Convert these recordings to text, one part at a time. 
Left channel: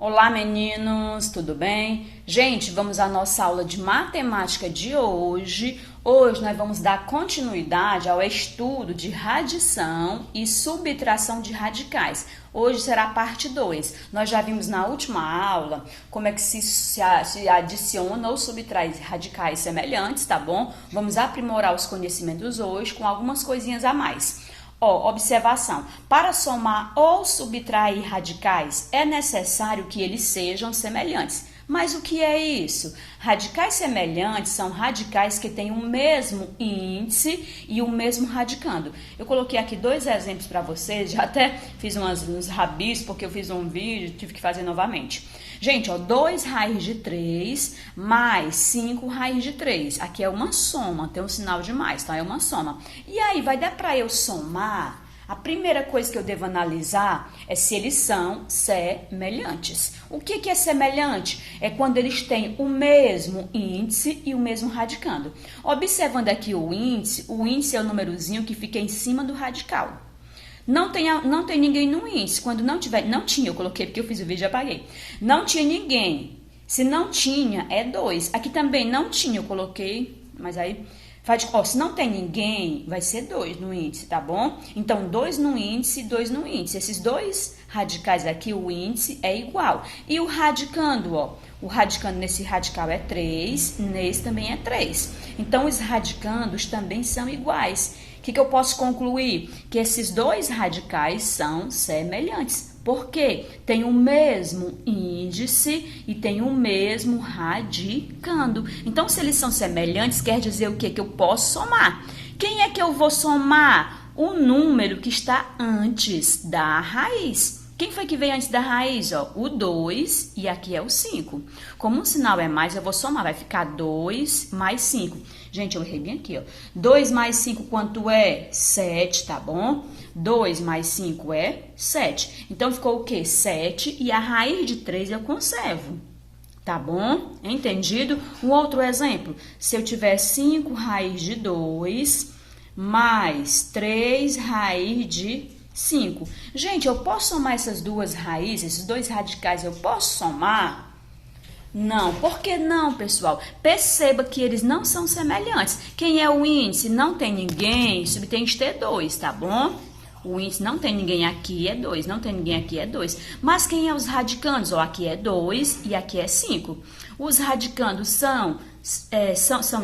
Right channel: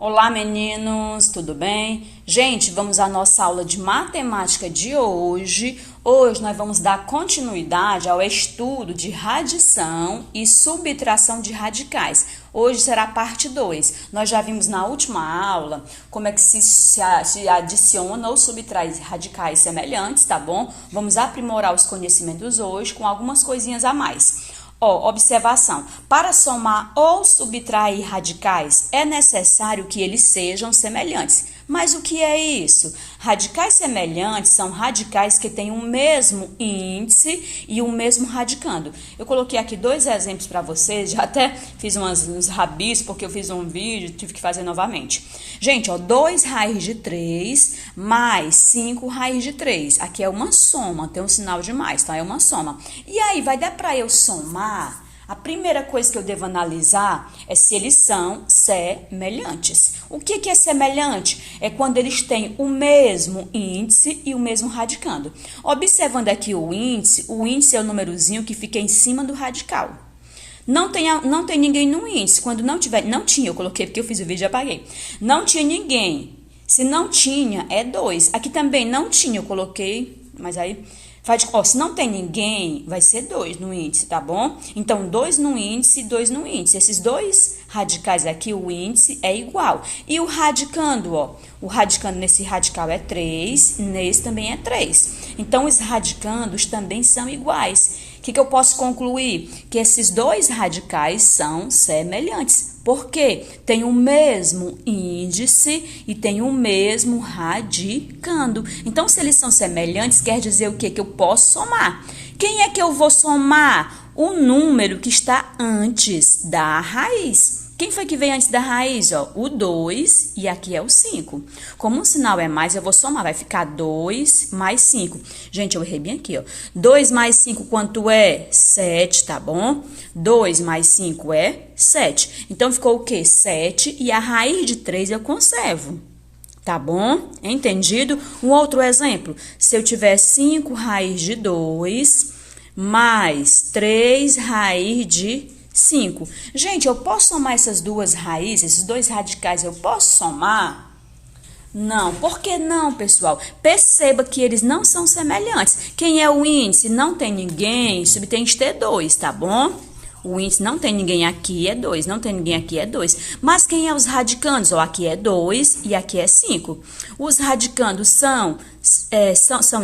Olá, meninos, tudo bem? Gente, vamos à nossa aula de matemática de hoje. Hoje nós vamos dar continuidade ao estudo de radição e subtração de radicais. Hoje será a parte 2. Nós já vimos na última aula como é que se adiciona ou subtrai radicais semelhantes, tá bom? Vamos aprimorar os conhecimentos hoje com algumas coisinhas a mais. Observação. Para somar ou subtrair radicais, é necessário que eles sejam semelhantes. Mas o que é isso? Radicais semelhantes são radicais que têm o mesmo índice e o mesmo radicando. Eu coloquei aqui dois exemplos para vocês, já até fiz uns rabiscos porque eu fiz um vídeo, tive que fazer novamente. Gente, 2 raiz de 3 mais 5 raiz de 3. Aqui é uma soma, tem um sinal de mais, tá? É uma soma. E aí, vai dar para eu somar? A primeira coisa que eu devo analisar é se eles são semelhantes. O que é semelhante? É quando eles têm o mesmo índice e o mesmo radicando. Observando aqui o índice é o númerozinho que fica em cima do radical. Não tem ninguém no índice. Quando não tinha, eu coloquei porque eu fiz o vídeo e apaguei. Não tinha ninguém. Se não tinha, é 2. Aqui também não tinha, eu coloquei, mas aí... se não tem ninguém, vai ser 2 no índice, tá bom? Então, 2 no índice e 2 no índice. Esses dois radicais aqui, o índice é igual. E o radicando, o radicando nesse radical é 3, nesse também é 3. Então, os radicandos também são iguais. O que eu posso concluir? Que esses dois radicais são semelhantes. Por quê? Tem o mesmo índice e tem o mesmo radicando. Então, se eles são semelhantes, quer dizer o quê? Que eu posso somar. Quem é que eu vou somar? O número que está antes da raiz. Quem foi que veio antes da raiz? O 2 e aqui é o 5. Como o sinal é mais, eu vou somar. Vai ficar 2 mais 5. Gente, eu errei bem aqui, 2 mais 5 quanto é? 7, tá bom? 2 mais 5 é 7. Então, ficou o quê? 7 e a raiz de 3 eu conservo. Tá bom? Entendido? Um outro exemplo. Se eu tiver 5 raiz de 2 mais 3 raiz de 5. Gente, eu posso somar essas duas raízes, esses dois radicais, eu posso somar? Não. Por que não, pessoal? Perceba que eles não são semelhantes. Quem é o índice? Não tem ninguém, subtende de ter 2, tá bom? O índice não tem ninguém aqui, é 2. Não tem ninguém aqui, é 2. Mas quem é os radicandos? Aqui é 2 e aqui é 5. Os radicandos são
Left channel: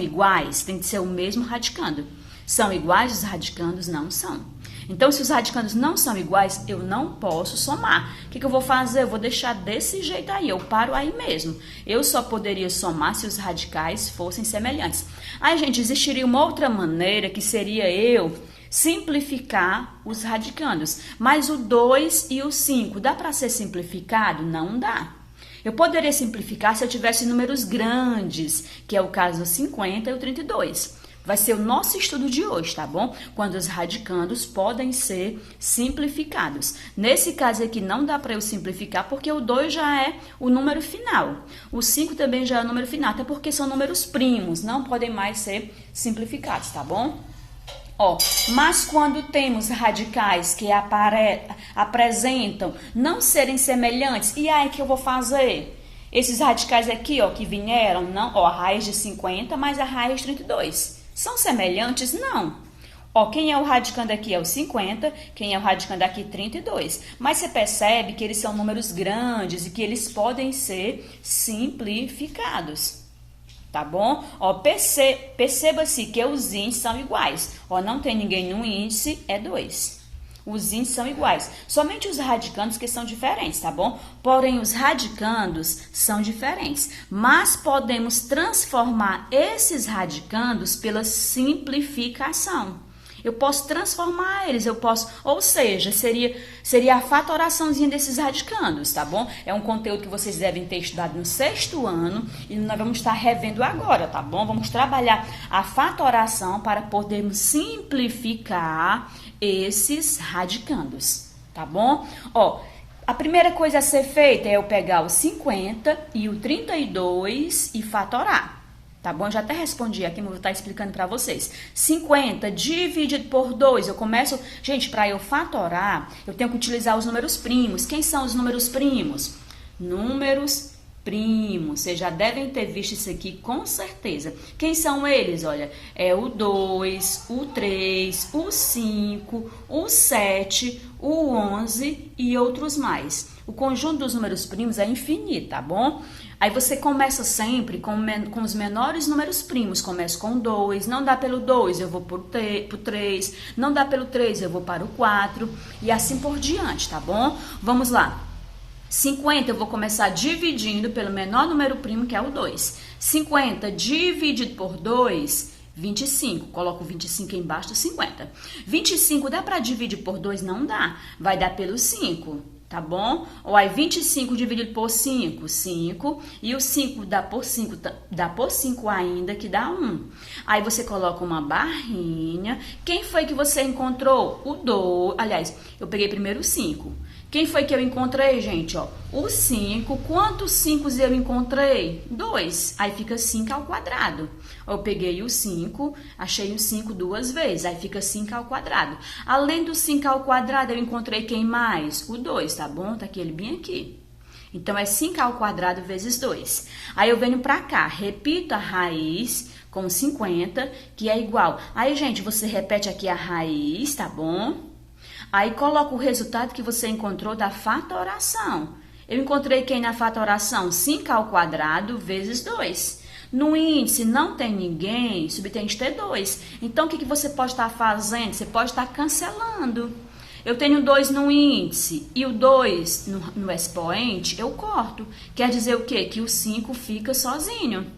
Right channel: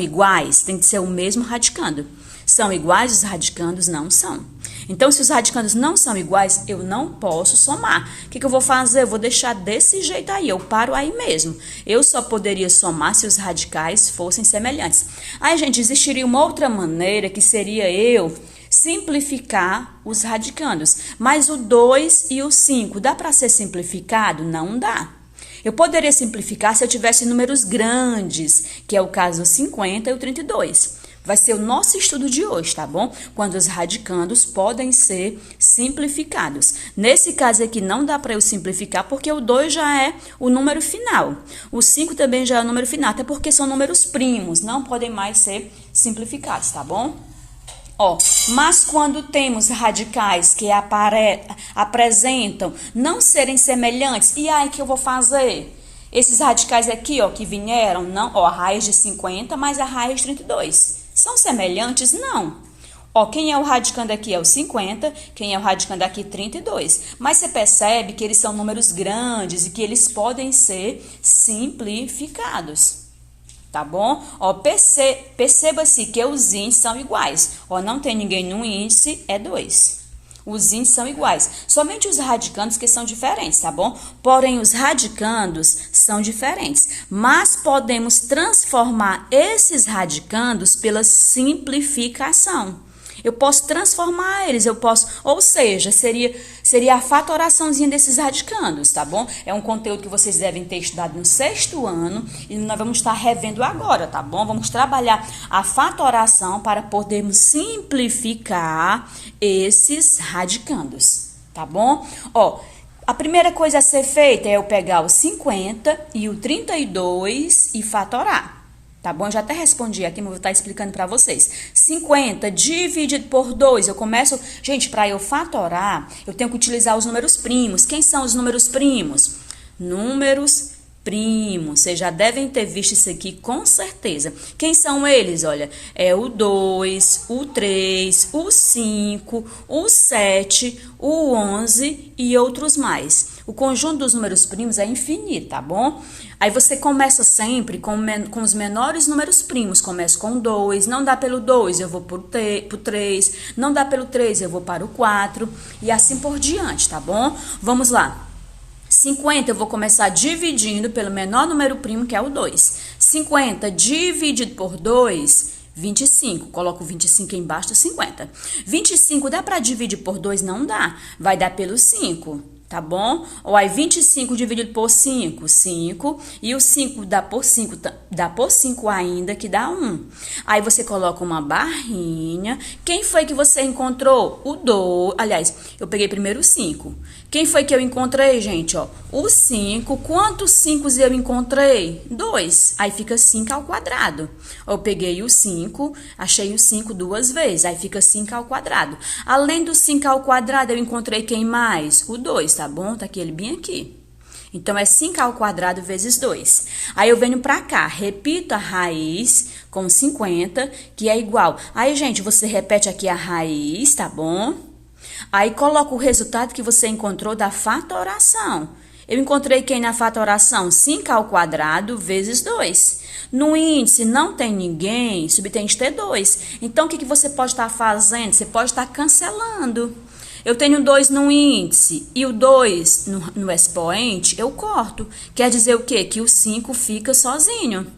iguais, tem que ser o mesmo radicando. São iguais, os radicandos não são. Então, se os radicandos não são iguais, eu não posso somar. O que eu vou fazer? Eu vou deixar desse jeito aí, eu paro aí mesmo. Eu só poderia somar se os radicais fossem semelhantes. Aí, gente, existiria uma outra maneira que seria eu simplificar os radicandos. Mas o 2 e o 5, dá para ser simplificado? Não dá. Eu poderia simplificar se eu tivesse números grandes, que é o caso do 50 e o 32. Vai ser o nosso estudo de hoje, tá bom? Quando os radicandos podem ser simplificados. Nesse caso aqui não dá para eu simplificar porque o 2 já é o número final. O 5 também já é o número final, até porque são números primos, não podem mais ser simplificados, tá bom? Mas quando temos radicais que apresentam não serem semelhantes, e aí que eu vou fazer? Esses radicais aqui, que vieram, não, a raiz de 50 mais a raiz de 32. São semelhantes? Não. Quem é o radicando aqui é o 50, quem é o radicando aqui 32. Mas você percebe que eles são números grandes e que eles podem ser simplificados. Tá bom? Perceba-se que os índices são iguais. Não tem ninguém no índice, é 2. Os índices são iguais. Somente os radicandos que são diferentes, tá bom? Porém, os radicandos são diferentes. Mas podemos transformar esses radicandos pela simplificação. Eu posso transformar eles, ou seja, seria a fatoraçãozinha desses radicandos, tá bom? É um conteúdo que vocês devem ter estudado no 6º ano e nós vamos estar revendo agora, tá bom? Vamos trabalhar a fatoração para podermos simplificar esses radicandos, tá bom? A primeira coisa a ser feita é eu pegar o 50 e o 32 e fatorar. Tá bom? Já até respondi aqui, mas vou estar explicando para vocês. 50 dividido por 2, eu começo... Gente, para eu fatorar, eu tenho que utilizar os números primos. Quem são os números primos? números primos. Vocês já devem ter visto isso aqui com certeza. Quem são eles? Olha, é o 2, o 3, o 5, o 7, o 11 e outros mais. O conjunto dos números primos é infinito, tá bom? Aí você começa sempre com os menores números primos. Começa com 2, não dá pelo 2, eu vou pro 3, não dá pelo 3, eu vou para o 4 e assim por diante, tá bom? Vamos lá. 50 eu vou começar dividindo pelo menor número primo, que é o 2. 50 dividido por 2, 25. Coloco 25 embaixo do 50. 25 dá para dividir por 2? Não dá. Vai dar pelo 5, tá bom? Ou aí 25 dividido por 5, 5. E o 5 dá por 5 ainda, que dá 1. Aí você coloca uma barrinha. Quem foi que você encontrou? O 2. Aliás, eu peguei primeiro o 5. Quem foi que eu encontrei, gente? Ó, o 5. Quantos 5 eu encontrei? 2. Aí fica 5 ao quadrado. Eu peguei o 5, achei o 5 duas vezes. Aí fica 5 ao quadrado. Além do 5 ao quadrado, eu encontrei quem mais? O 2, tá bom? Tá aqui ele bem aqui. Então, é 5 ao quadrado vezes 2. Aí, eu venho pra cá, repito a raiz com 50, que é igual. Aí, gente, você repete aqui a raiz, tá bom? Aí, coloca o resultado que você encontrou da fatoração. Eu encontrei quem na fatoração? 5 ao quadrado vezes 2. No índice não tem ninguém, subtende ter 2. Então, o que você pode estar fazendo? Você pode estar cancelando. Eu tenho 2 no índice e o 2 no expoente, eu corto. Quer dizer o quê? Que o 5 fica sozinho.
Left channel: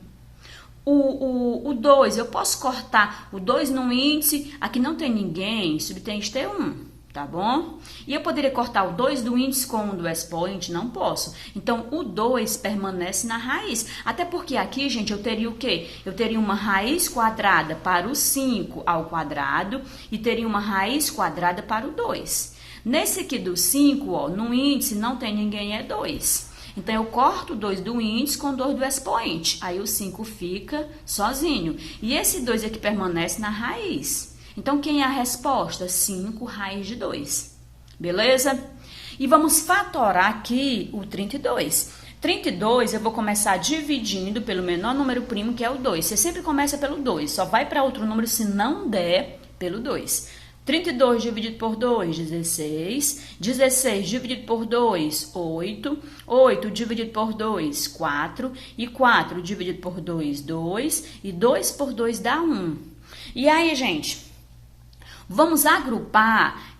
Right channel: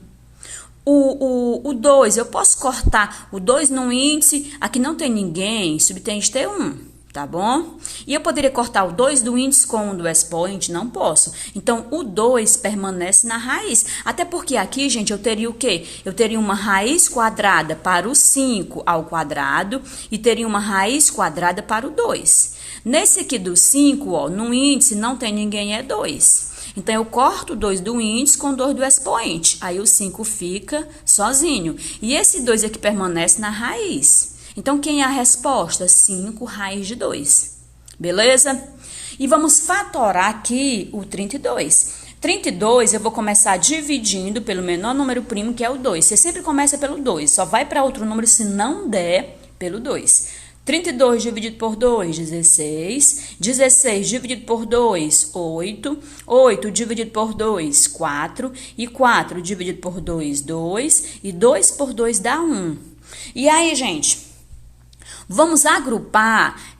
O 2, eu posso cortar o 2 no índice, aqui não tem ninguém, subtende ter 1. Tá bom? E eu poderia cortar o 2 do índice com o do expoente? Não posso. Então, o 2 permanece na raiz. Até porque aqui, gente, eu teria o quê? Eu teria uma raiz quadrada para o 5 ao quadrado e teria uma raiz quadrada para o 2. Nesse aqui do 5, ó, no índice não tem ninguém, é 2. Então, eu corto o 2 do índice com o 2 do expoente. Aí, o 5 fica sozinho. E esse 2 aqui permanece na raiz. Então, quem é a resposta? 5 raiz de 2. Beleza? E vamos fatorar aqui o 32. 32 eu vou começar dividindo pelo menor número primo, que é o 2. Você sempre começa pelo 2. Só vai para outro número se não der pelo 2. 32 dividido por 2, 16. 16 dividido por 2, 8. 8 dividido por 2, 4. E 4 dividido por 2, 2. E 2 por 2 dá 1. E aí, gente... Vamos agrupar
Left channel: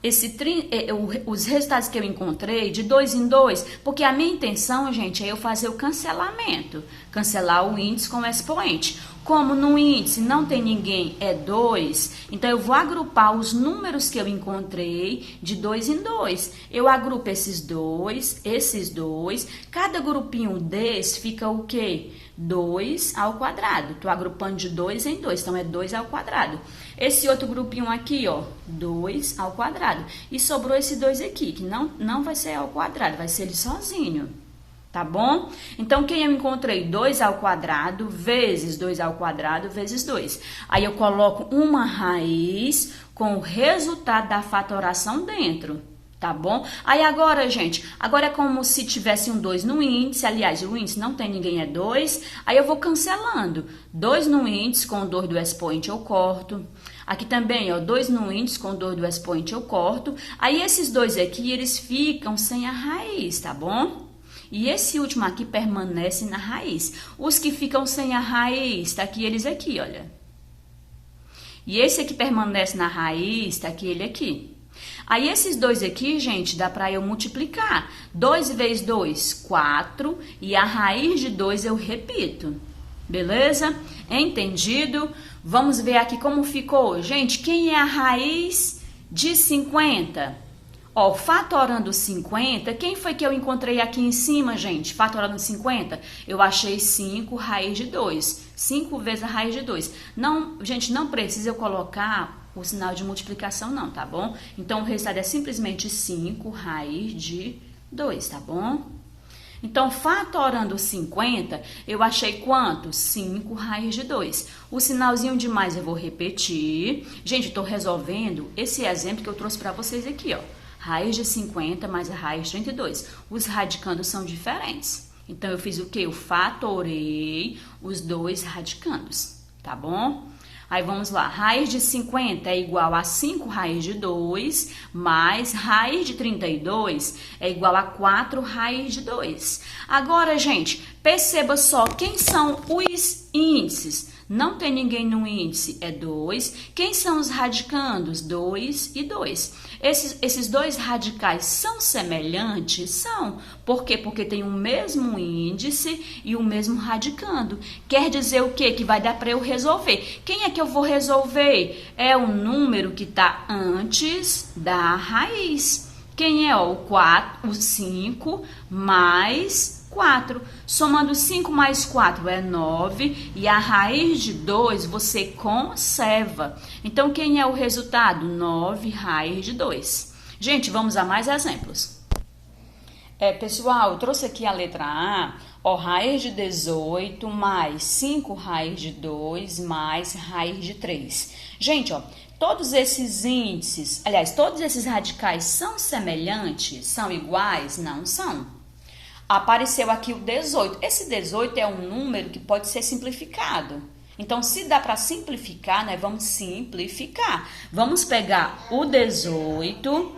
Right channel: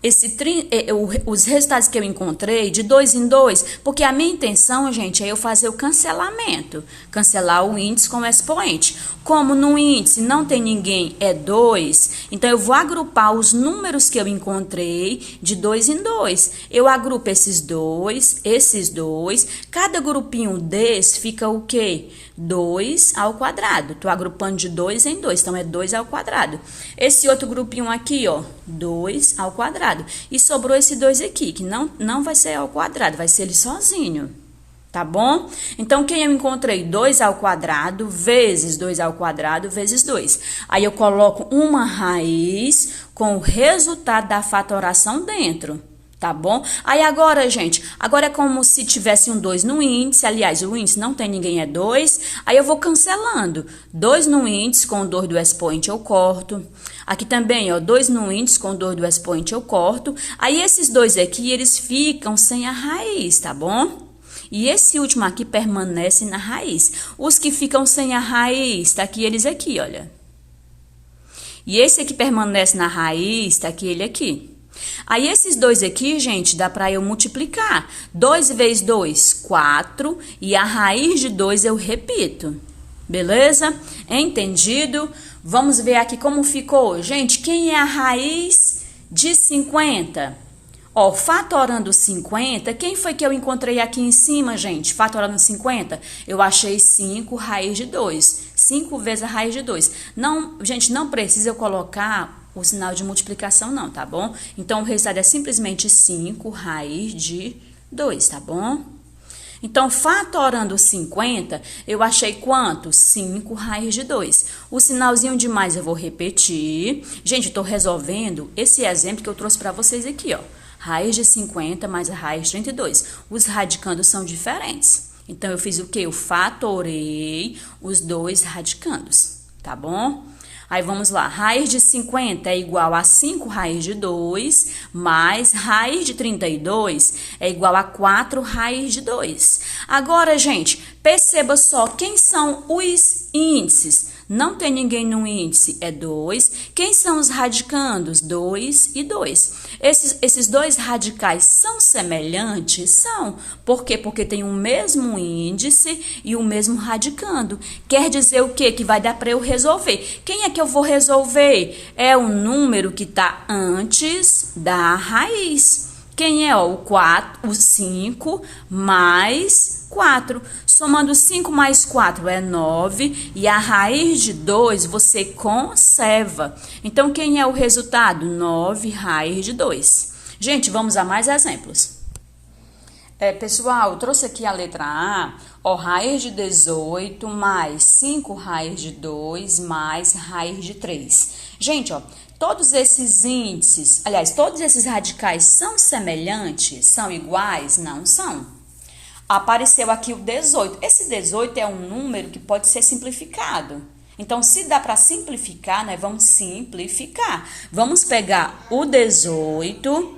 os resultados que eu encontrei de 2 em 2, porque a minha intenção, gente, é eu fazer o cancelamento. Cancelar o índice com o expoente. Como no índice não tem ninguém, é 2, então eu vou agrupar os números que eu encontrei de 2 em 2. Eu agrupo esses dois. Cada grupinho desse fica o quê? 2 ao quadrado. Estou agrupando de 2 em 2, então é 2 ao quadrado. Esse outro grupinho aqui, ó, 2 ao quadrado. E sobrou esse 2 aqui, que não vai ser ao quadrado, vai ser ele sozinho. Tá bom? Então, quem eu encontrei? 2 ao quadrado vezes 2 ao quadrado vezes 2. Aí, eu coloco uma raiz com o resultado da fatoração dentro. Tá bom? Aí, agora, gente, agora é como se tivesse um 2 no índice. Aliás, o índice não tem ninguém, é 2. Aí, eu vou cancelando. 2 no índice com o 2 do expoente eu corto. Aqui também, ó, 2 no índice com o 2 do expoente eu corto. Aí, esses dois aqui, eles ficam sem a raiz, tá bom? E esse último aqui permanece na raiz. Os que ficam sem a raiz, tá aqui eles aqui, olha. E esse aqui permanece na raiz, tá aqui ele aqui. Aí, esses dois aqui, gente, dá pra eu multiplicar. 2 vezes 2, 4. E a raiz de 2 eu repito. Beleza? Entendido? Vamos ver aqui como ficou. Gente, quem é a raiz de 50? Ó, fatorando 50, quem foi que eu encontrei aqui em cima, gente? Fatorando 50, eu achei 5 raiz de 2. 5 vezes a raiz de 2. Não, gente, não precisa eu colocar o sinal de multiplicação, não, tá bom? Então, o resultado é simplesmente 5 raiz de 2, tá bom? Então, fatorando 50, eu achei quanto? 5 raiz de 2. O sinalzinho de mais eu vou repetir. Gente, eu tô resolvendo esse exemplo que eu trouxe pra vocês aqui, ó. Raiz de 50 mais a raiz de 32. Os radicandos são diferentes. Então, eu fiz o quê? Eu fatorei os dois radicandos, tá bom? Aí, vamos lá. Raiz de 50 é igual a 5 raiz de 2, mais raiz de 32 é igual a 4 raiz de 2. Agora, gente, perceba só quem são os índices. Não tem ninguém no índice, é 2. Quem são os radicandos? 2 e 2. Esses dois radicais são semelhantes? São. Por quê? Porque tem o mesmo índice e o mesmo radicando. Quer dizer o quê? Que vai dar para eu resolver. Quem é que eu vou resolver? É o número que está antes da raiz. Quem é? O 4, o 5 mais 4. Somando 5 mais 4 é 9 e a raiz de 2 você conserva. Então, quem é o resultado? 9 raiz de 2. Gente, vamos a mais exemplos. Pessoal, eu trouxe aqui a letra A, ó, raiz de 18 mais 5 raiz de 2 mais raiz de 3. Gente, ó, todos esses índices, aliás, todos esses radicais são semelhantes? São iguais? Não são. Apareceu aqui o 18. Esse 18 é um número que pode ser simplificado. Então, se dá para simplificar, nós vamos simplificar. Vamos pegar o 18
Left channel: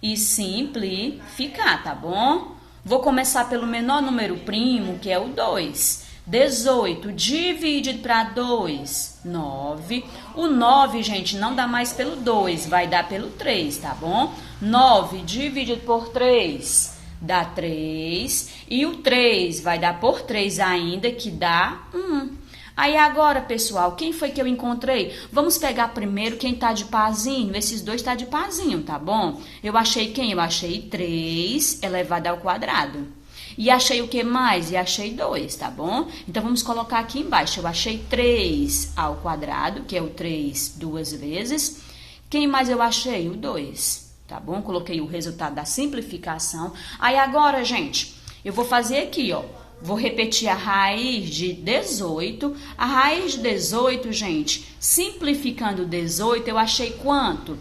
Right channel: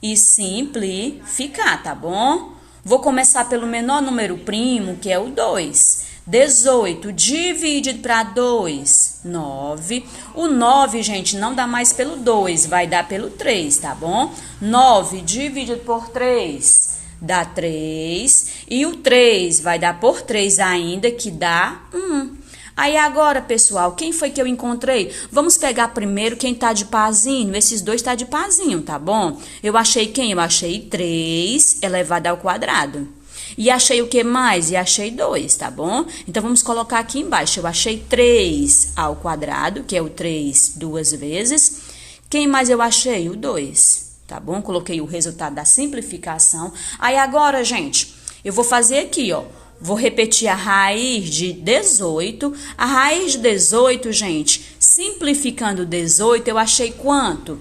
e simplificar, tá bom? Vou começar pelo menor número primo, que é o 2. 18 dividido para 2, 9. O 9, gente, não dá mais pelo 2, vai dar pelo 3, tá bom? 9 dividido por 3 dá 3. E o 3 vai dar por 3 ainda, que dá 1. Aí agora, pessoal, quem foi que eu encontrei? Vamos pegar primeiro quem tá de parzinho. Esses dois tá de parzinho, tá bom? Eu achei quem? Eu achei 3 elevado ao quadrado. E achei o que mais? E achei 2, tá bom? Então, vamos colocar aqui embaixo. Eu achei 3 ao quadrado, que é o 3 duas vezes. Quem mais eu achei? O 2, tá bom? Coloquei o resultado da simplificação. Aí agora, gente, eu vou fazer aqui, ó. Vou repetir a raiz de 18. A raiz de 18, gente, simplificando 18, eu achei quanto?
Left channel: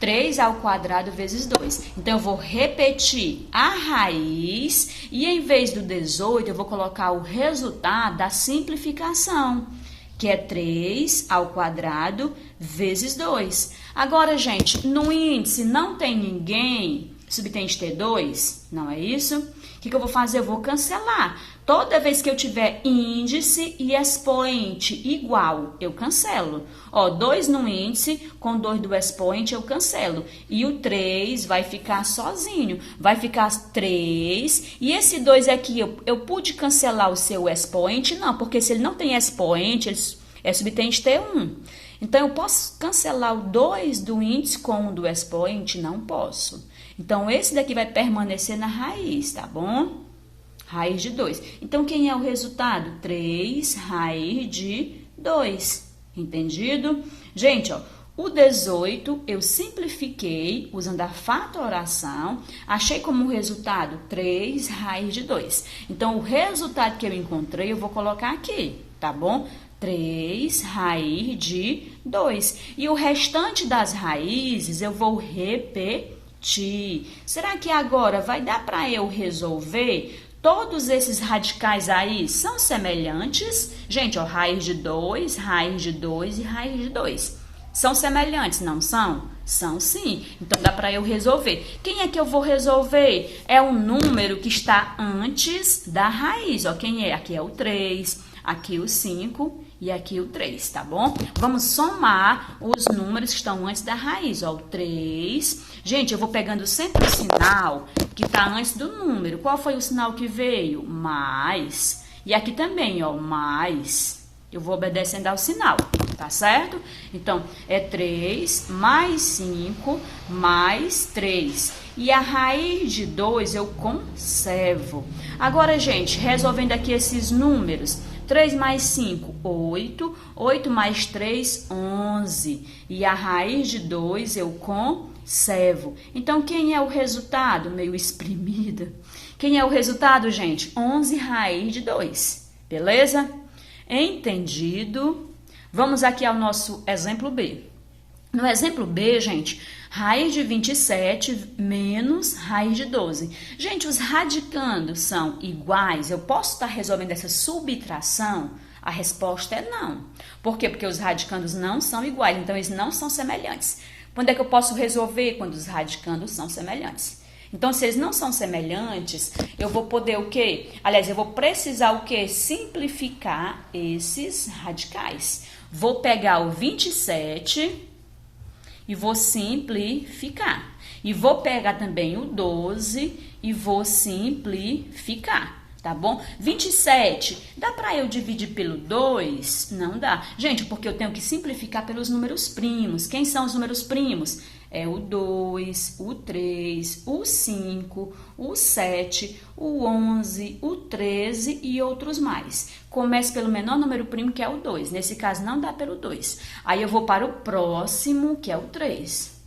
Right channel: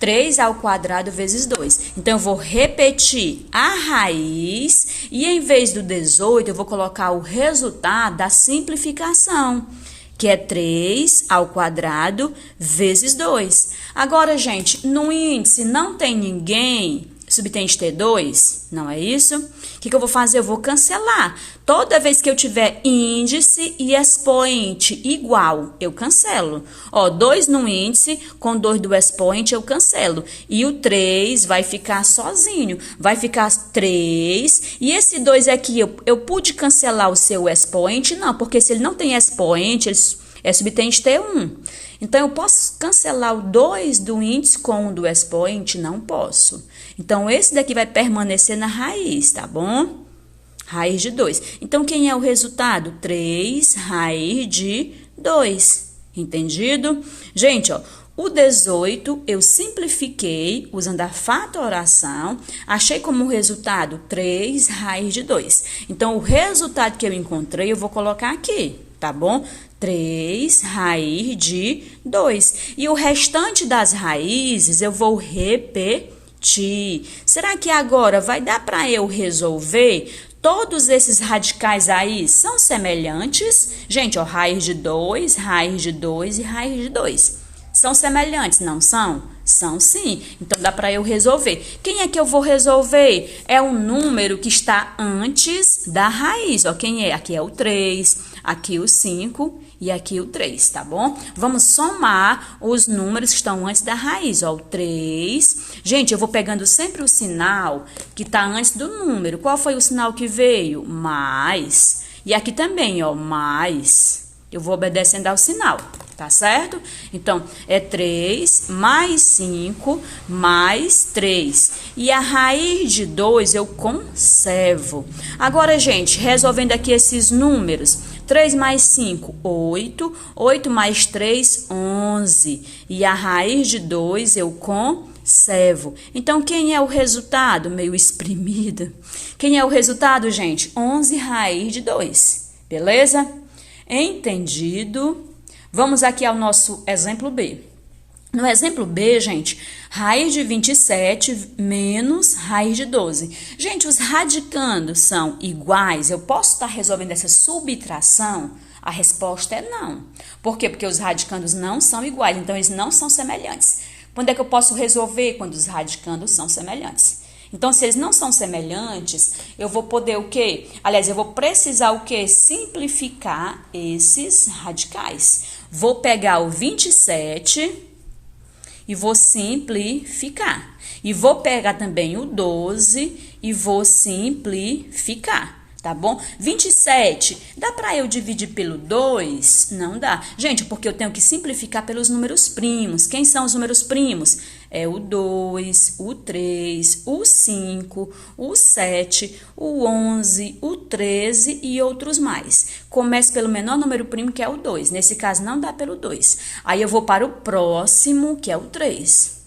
3 ao quadrado vezes 2. Então, eu vou repetir a raiz e, em vez do 18, eu vou colocar o resultado da simplificação, que é 3 ao quadrado vezes 2. Agora, gente, no índice não tem ninguém subtende ter 2, não é isso? O que eu vou fazer? Eu vou cancelar. Toda vez que eu tiver índice e expoente igual, eu cancelo. Ó, 2 no índice com 2 do expoente, eu cancelo. E o 3 vai ficar sozinho. Vai ficar 3. E esse 2 aqui, eu pude cancelar o seu expoente? Não, porque se ele não tem expoente, é subtende ter 1. Então, eu posso cancelar o 2 do índice com o do expoente? Não posso. Então, esse daqui vai permanecer na raiz, tá bom? Raiz de 2. Então, quem é o resultado? 3 raiz de 2. Entendido? Gente, ó, o 18 eu simplifiquei usando a fatoração. Achei como resultado 3 raiz de 2. Então, o resultado que eu encontrei, eu vou colocar aqui, tá bom? 3 raiz de 2. E o restante das raízes eu vou repetir. Será que agora vai dar para eu resolver? Todos esses radicais aí são semelhantes? Gente, ó, raiz de 2 e raiz de 2. São semelhantes, não são? São sim. Então, dá para eu resolver. Quem é que eu vou resolver? É o número que está antes da raiz. Ó, quem é? Aqui é o 3, aqui o 5 e aqui o 3, tá bom? Vamos somar os números que estão antes da raiz, ó, o 3. Gente, eu vou pegando sempre o sinal que tá antes do número. Qual foi o sinal que veio? Mais. E aqui também, ó, mais. Eu vou obedecendo ao sinal, tá certo? Então, é 3 mais 5 mais 3. E a raiz de 2 eu conservo. Agora, gente, resolvendo aqui esses números. 3 mais 5, 8. 8 mais 3, 11. E a raiz de 2 eu conservo. Então, quem é o resultado? Meio exprimida. Quem é o resultado, gente? 11 raiz de 2. Beleza? Entendido? Vamos aqui ao nosso exemplo B. No exemplo B, gente, Raiz de 27 menos raiz de 12. Gente, os radicandos são iguais? Eu posso estar resolvendo essa subtração? A resposta é não. Por quê? Porque os radicandos não são iguais, então eles não são semelhantes. Quando é que eu posso resolver? Quando os radicandos são semelhantes. Então, se eles não são semelhantes, eu vou poder o quê? Aliás, eu vou precisar o quê? Simplificar esses radicais. Vou pegar o 27 e vou simplificar. E vou pegar também o 12 e vou simplificar, tá bom? 27, dá para eu dividir pelo 2? Não dá. Gente, porque eu tenho que simplificar pelos números primos. Quem são os números primos? É o 2, o 3, o 5, o 7, o 11, o 13 e outros mais. Comece pelo menor número primo, que é o 2. Nesse caso, não dá pelo 2. Aí eu vou para o próximo, que é o 3.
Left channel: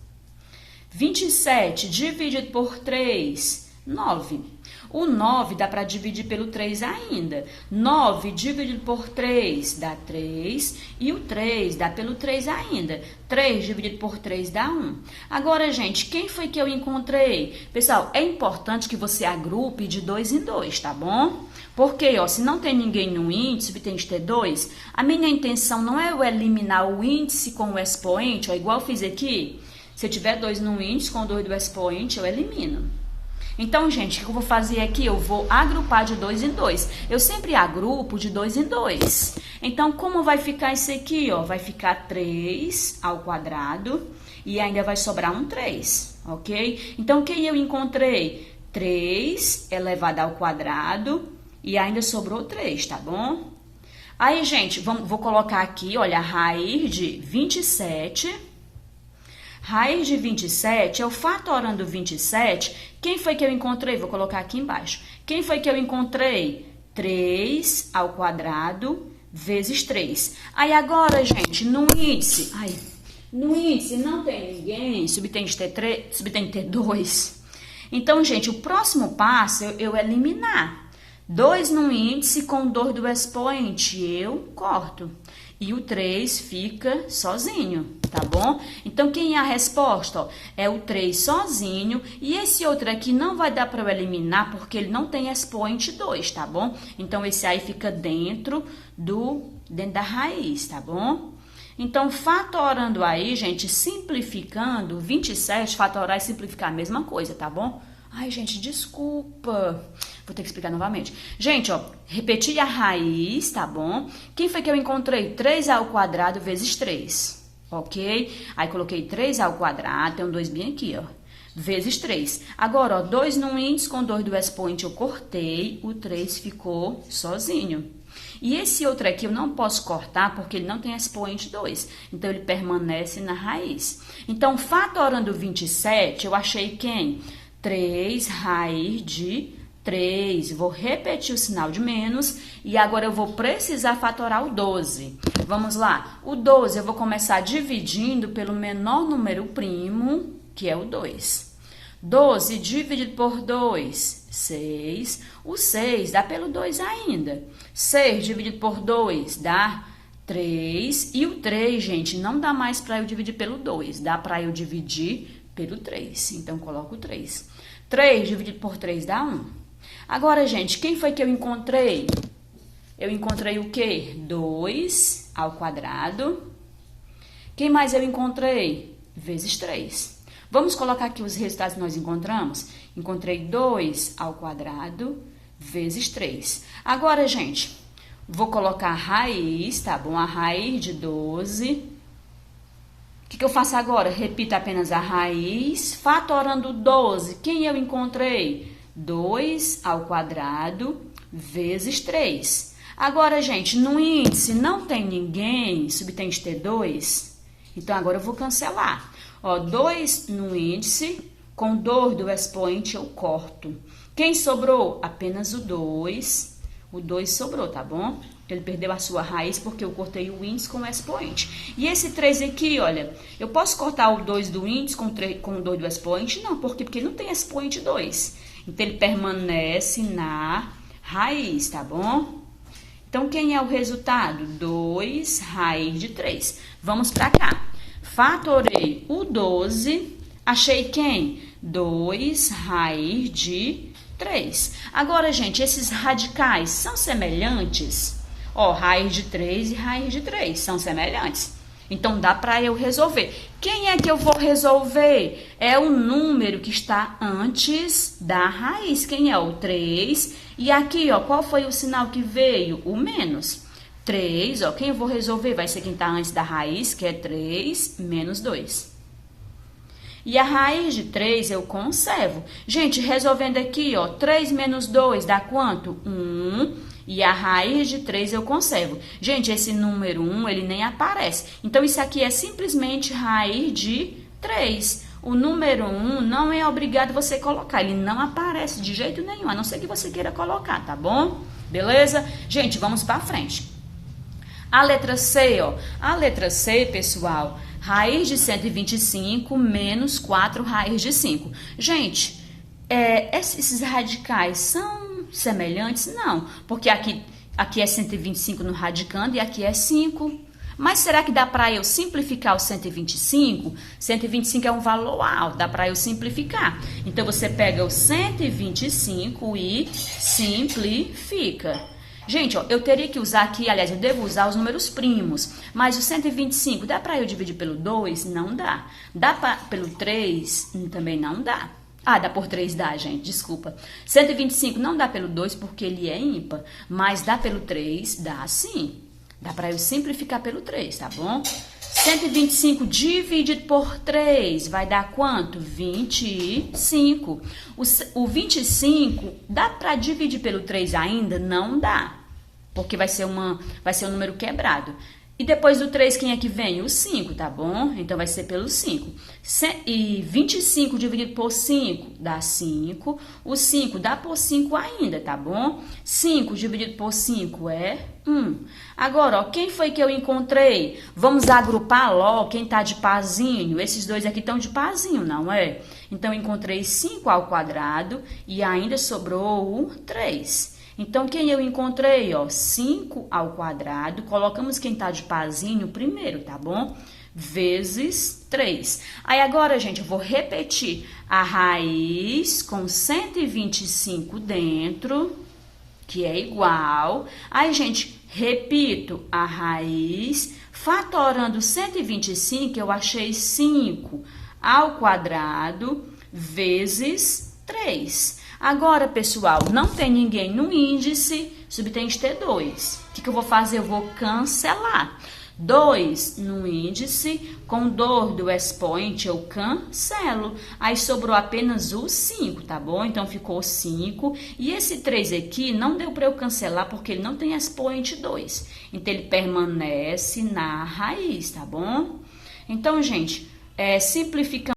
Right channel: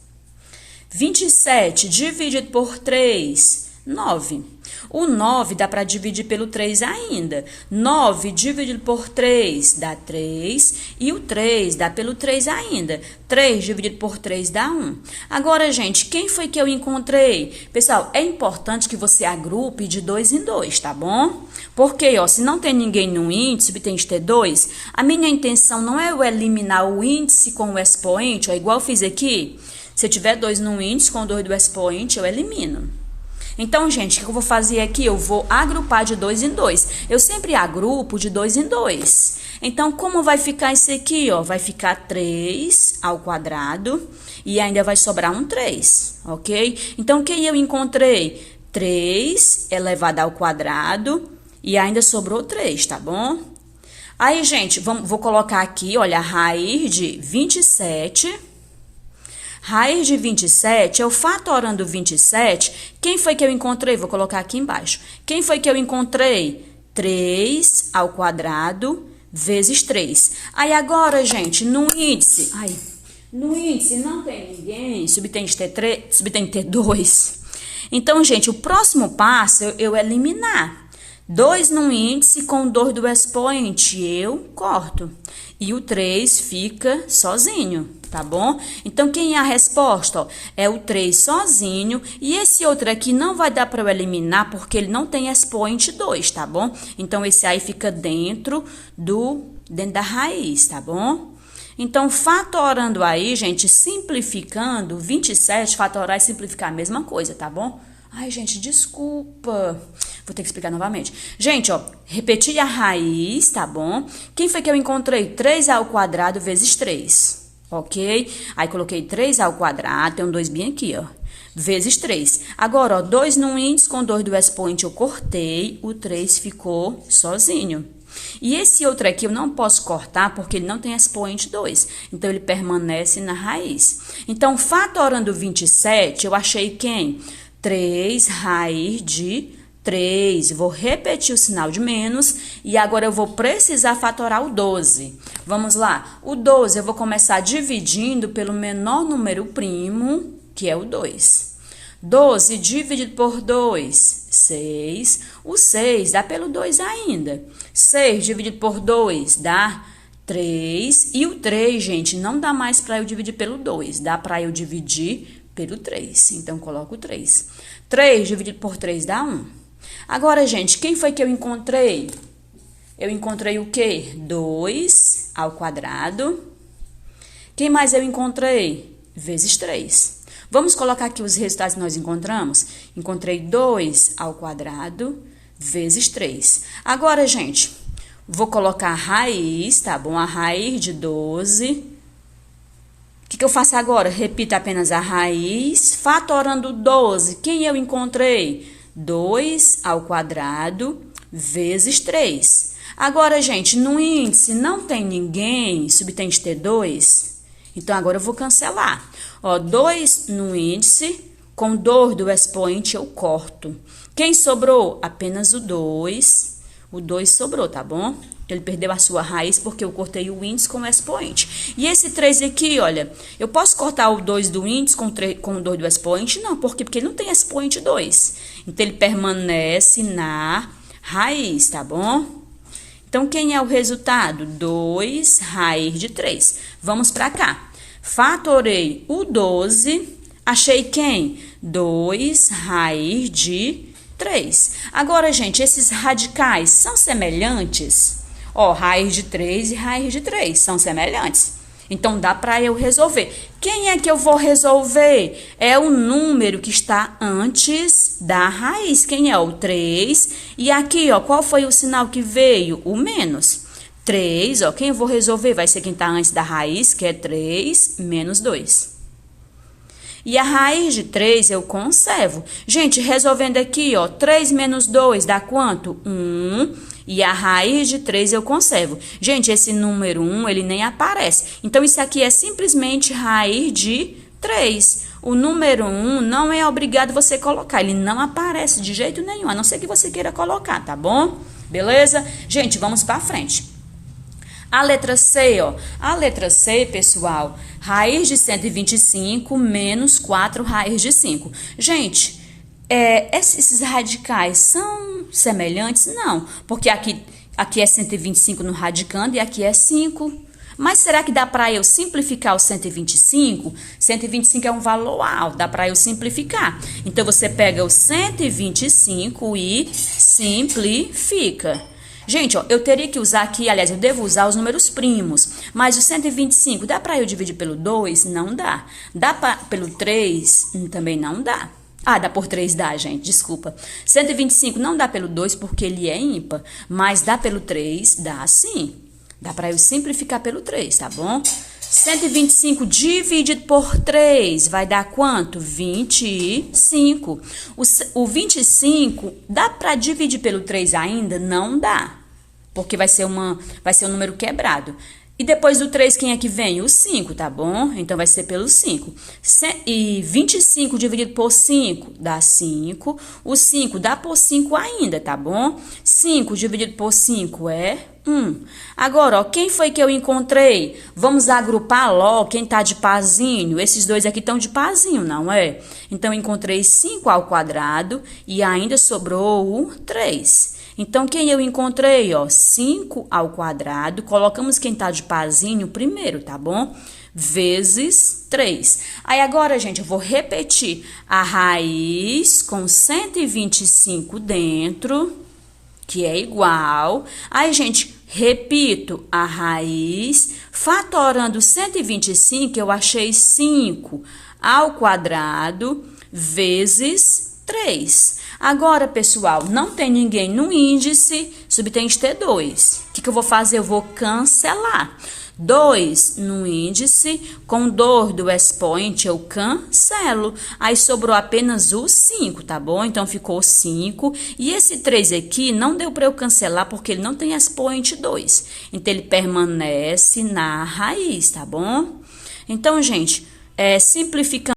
27 dividido por 3, 9. O 9 dá para dividir pelo 3 ainda. 9 dividido por 3 dá 3. E o 3 dá pelo 3 ainda. 3 dividido por 3 dá 1. Agora, gente, quem foi que eu encontrei? Pessoal, é importante que você agrupe de 2 em 2, tá bom? Porque, ó, se não tem ninguém no índice, subtende ter 2, a minha intenção não é eu eliminar o índice com o expoente, ó, igual eu fiz aqui. Se eu tiver 2 no índice com 2 do expoente, eu elimino. Então, gente, o que eu vou fazer aqui? Eu vou agrupar de 2 em 2. Eu sempre agrupo de 2 em 2. Então, como vai ficar isso aqui, ó? Vai ficar 3 ao quadrado e ainda vai sobrar um 3, ok? Então, o que eu encontrei? 3 elevado ao quadrado e ainda sobrou 3, tá bom? Aí, gente, vou colocar aqui, olha, a raiz de 27... Raiz de 27, eu fatorando 27, quem foi que eu encontrei? Vou colocar aqui embaixo. Quem foi que eu encontrei? 3 ao quadrado vezes 3. Aí agora, gente, no índice não tem ninguém, subtende ter 2. Então, gente, o próximo passo é eu eliminar. 2 no índice com 2 do expoente, eu corto. E o 3 fica sozinho, tá bom? Então, quem é a resposta? Ó, é o 3 sozinho. E esse outro aqui não vai dar para eu eliminar, porque ele não tem expoente 2, tá bom? Então, esse aí fica dentro da raiz, tá bom? Então, fatorando aí, gente, simplificando, 27, fatorar e simplificar a mesma coisa, tá bom? Ai, gente, desculpa. Vou ter que explicar novamente. Gente, ó, repeti a raiz, tá bom? Quem foi que eu encontrei? 3 ao quadrado vezes 3, ok? Aí, coloquei 3 ao quadrado, tem um 2 bem aqui, ó, vezes 3. Agora, ó, 2 no índice com 2 do expoente eu cortei, o 3 ficou sozinho. E esse outro aqui eu não posso cortar porque ele não tem expoente 2. Então, ele permanece na raiz. Então, fatorando 27, eu achei quem? 3 raiz de 3. Vou repetir o sinal de menos e agora eu vou precisar fatorar o 12. Vamos lá. O 12 eu vou começar dividindo pelo menor número primo, que é o 2. 12 dividido por 2, 6. O 6 dá pelo 2 ainda. 6 dividido por 2 dá 3. E o 3, gente, não dá mais para eu dividir pelo 2. Dá para eu dividir pelo 3. Então, coloco 3. 3 dividido por 3 dá 1. Agora, gente, quem foi que eu encontrei? Eu encontrei o quê? 2 ao quadrado. Quem mais eu encontrei? Vezes 3. Vamos colocar aqui os resultados que nós encontramos? Encontrei 2 ao quadrado vezes 3. Agora, gente, vou colocar a raiz, tá bom? A raiz de 12. O que eu faço agora? Repito apenas a raiz, fatorando 12. Quem eu encontrei? 2 ao quadrado vezes 3. Agora, gente, no índice não tem ninguém, subtende ter 2. Então, agora eu vou cancelar. Ó, 2 no índice, com 2 do expoente eu corto. Quem sobrou? Apenas o 2. O 2 sobrou, tá bom? Ele perdeu a sua raiz porque eu cortei o índice com o expoente. E esse 3 aqui, olha, eu posso cortar o 2 do índice com o 2 do expoente? Não, porque ele não tem expoente 2. Então, ele permanece na raiz, tá bom? Então, quem é o resultado? 2 raiz de 3. Vamos para cá. Fatorei o 12. Achei quem? 2 raiz de 3. Agora, gente, esses radicais são semelhantes? Ó, raiz de 3 e raiz de 3 são semelhantes. Então, dá para eu resolver. Quem é que eu vou resolver? É o número que está antes da raiz. Quem é? O 3. E aqui, ó, qual foi o sinal que veio? O menos. 3, ó, quem eu vou resolver? Vai ser quem está antes da raiz, que é 3 menos 2. E a raiz de 3 eu conservo. Gente, resolvendo aqui, ó, 3 menos 2 dá quanto? 1. E a raiz de 3 eu conservo. Gente, esse número 1, ele nem aparece. Então, isso aqui é simplesmente raiz de 3. O número 1 não é obrigado você colocar. Ele não aparece de jeito nenhum, a não ser que você queira colocar, tá bom? Beleza? Gente, vamos para frente. A letra C, ó. A letra C, pessoal, raiz de 125 menos 4 raiz de 5. Gente, esses radicais são semelhantes? Não, porque aqui é 125 no radicando e aqui é 5. Mas será que dá para eu simplificar o 125? 125 é um valor alto, dá para eu simplificar. Então, você pega o 125 e simplifica. Gente, ó, eu teria que usar aqui, aliás, eu devo usar os números primos. Mas o 125, dá para eu dividir pelo 2? Não dá. Dá pelo 3? Também não dá. Ah, dá por 3, dá, gente, desculpa. 125 não dá pelo 2 porque ele é ímpar, mas dá pelo 3, dá sim. Dá para eu simplificar pelo 3, tá bom? 125 dividido por 3 vai dar quanto? 25. O 25 dá para dividir pelo 3 ainda? Não dá, porque vai ser um número quebrado. E depois do 3, quem é que vem? O 5, tá bom? Então, vai ser pelo 5. E 25 dividido por 5 dá 5. O 5 dá por 5 ainda, tá bom? 5 dividido por 5 é 1. Agora, ó, quem foi que eu encontrei? Vamos agrupar logo quem tá de parzinho. Esses dois aqui estão de parzinho, não é? Então, eu encontrei 5 ao quadrado e ainda sobrou o 3. Então, quem eu encontrei, ó, 5 ao quadrado, colocamos quem tá de parzinho primeiro, tá bom? Vezes 3. Aí, agora, gente, eu vou repetir a raiz com 125 dentro, que é igual. Aí, gente, repito a raiz, fatorando 125, eu achei 5 ao quadrado, vezes 3. Agora, pessoal, não tem ninguém no índice, subtende ter 2. O que eu vou fazer? Eu vou cancelar. 2 no índice, com dor do expoente eu cancelo. Aí sobrou apenas o 5, tá bom? Então, ficou 5. E esse 3 aqui não deu para eu cancelar porque ele não tem expoente 2. Então, ele permanece na raiz, tá bom? Então, gente, simplificando.